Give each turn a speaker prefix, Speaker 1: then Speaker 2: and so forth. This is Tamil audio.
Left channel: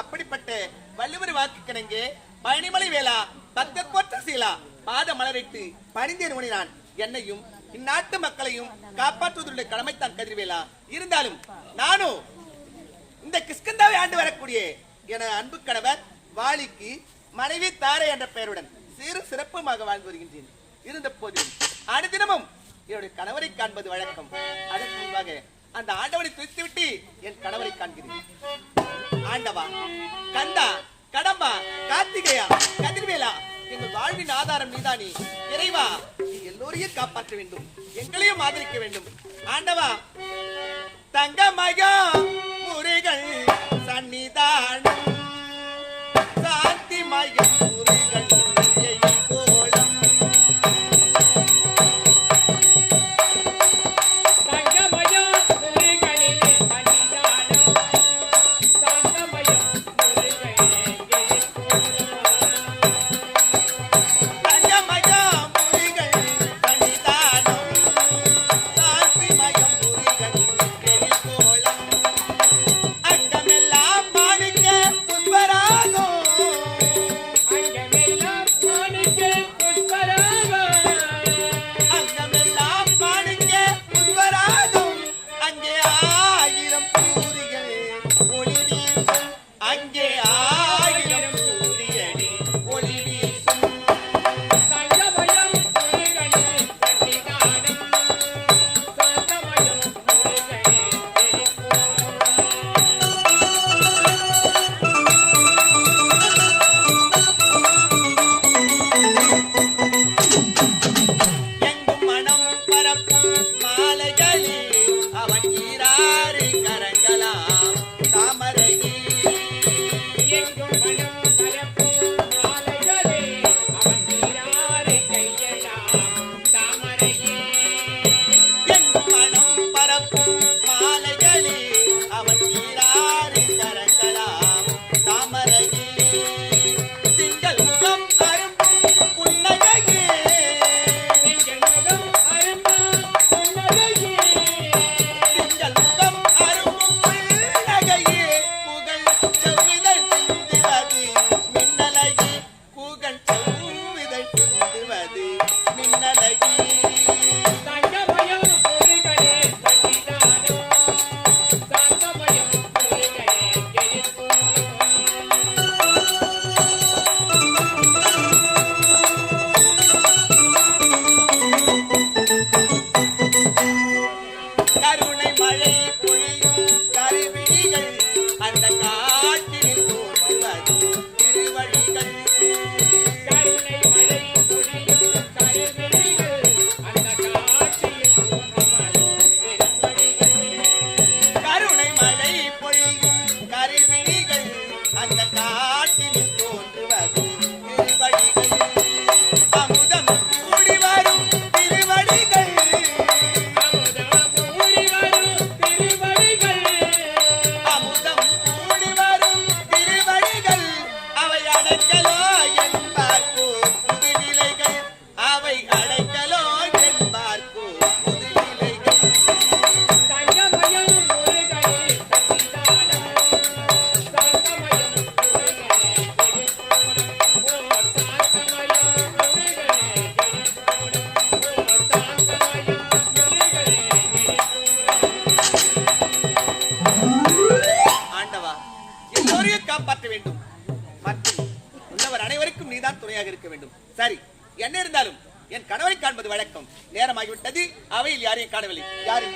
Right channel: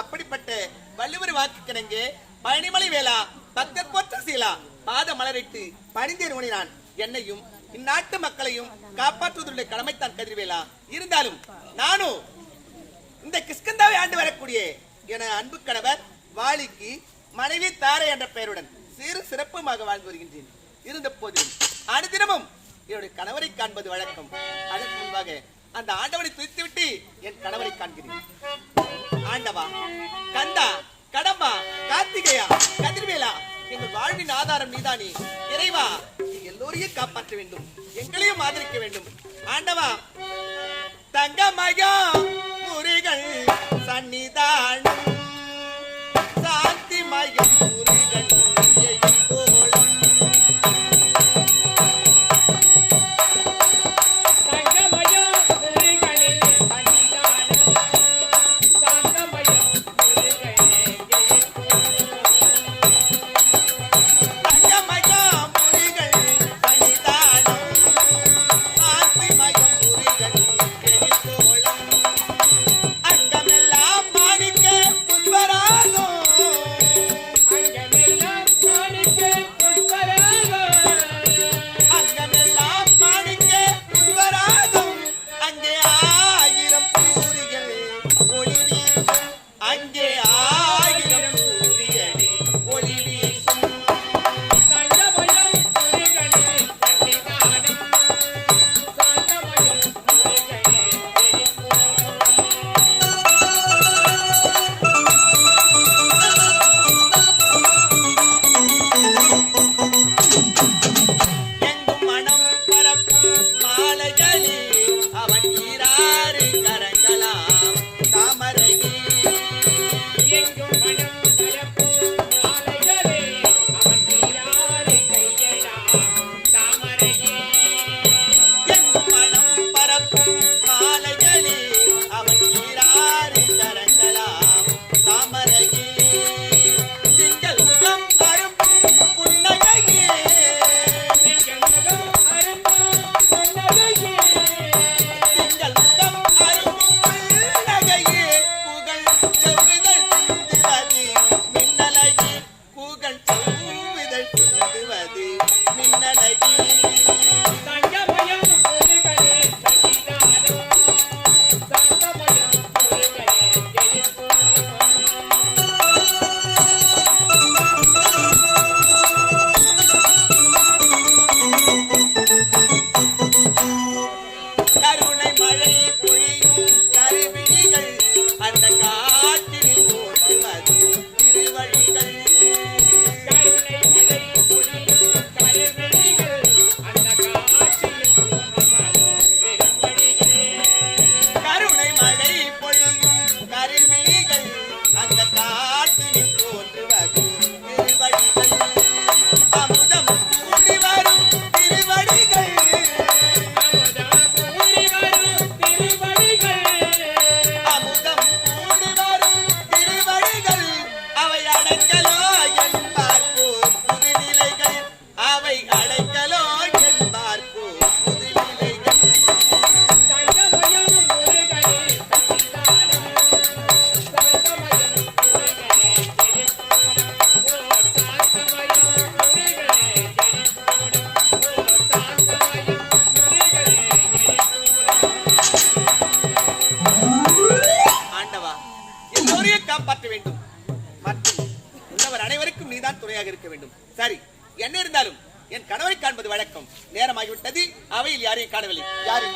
Speaker 1: அப்படிப்பட்ட வள்ளுவர் வாக்கு கிணங்கு பழனிமலை வேளா பக்தர் போற்ற சீலா பாத மலரிட்டு பணிந்தேன் உணினான் என்னையும் இந்நாட்டு மக்களையும் காப்பாற்றுவதனுடைய கடமைத்தான் கதிர்வேலா. இருந்தாலும் நானும் இந்த கிஸ்கந்தாவை ஆண்டு வரக்கூடிய என அன்பு கணவர் வாலிக்கு மனைவி தாரை என்ற பெயருடன் சிறு சிறப்புமாக வாழ்ந்து வருகின்றேன். இருந்த போது அனுதினமும் என்னுடைய கணவரை காண்பது வழக்கம். அதற்கு முன்பாக அந்த ஆண்டவனை பிரித்துவிட்டு என் கணவரை காண்கிறேன். ஆண்டவா கந்தா கடம்பா கார்த்திகேயா கதிர்வேலா எங்கள் வாழ்வின் ஆதாரம் நீதானே. இறைவா எல்லோரையும் காப்பாற்ற வேண்டும். எங்களையும் ஆதரிக்க வேண்டும். ஆண்டவா
Speaker 2: தங்கமயம்.
Speaker 1: அந்த காட்டில் தோன்றுவது திருவடிகள். அமுதம் கூடி வரும் திருவடிகள்.
Speaker 2: அமுதம் கூடி வரும் திருவடிகள்.
Speaker 1: அமுதம் இருக்க வேண்டும். சரி என்ன இருந்தாலும் என் கணவரை காண்பது வழக்கம். நேரமாகிவிட்டது. அவையில் யாரையும் காணவில்லை. யார்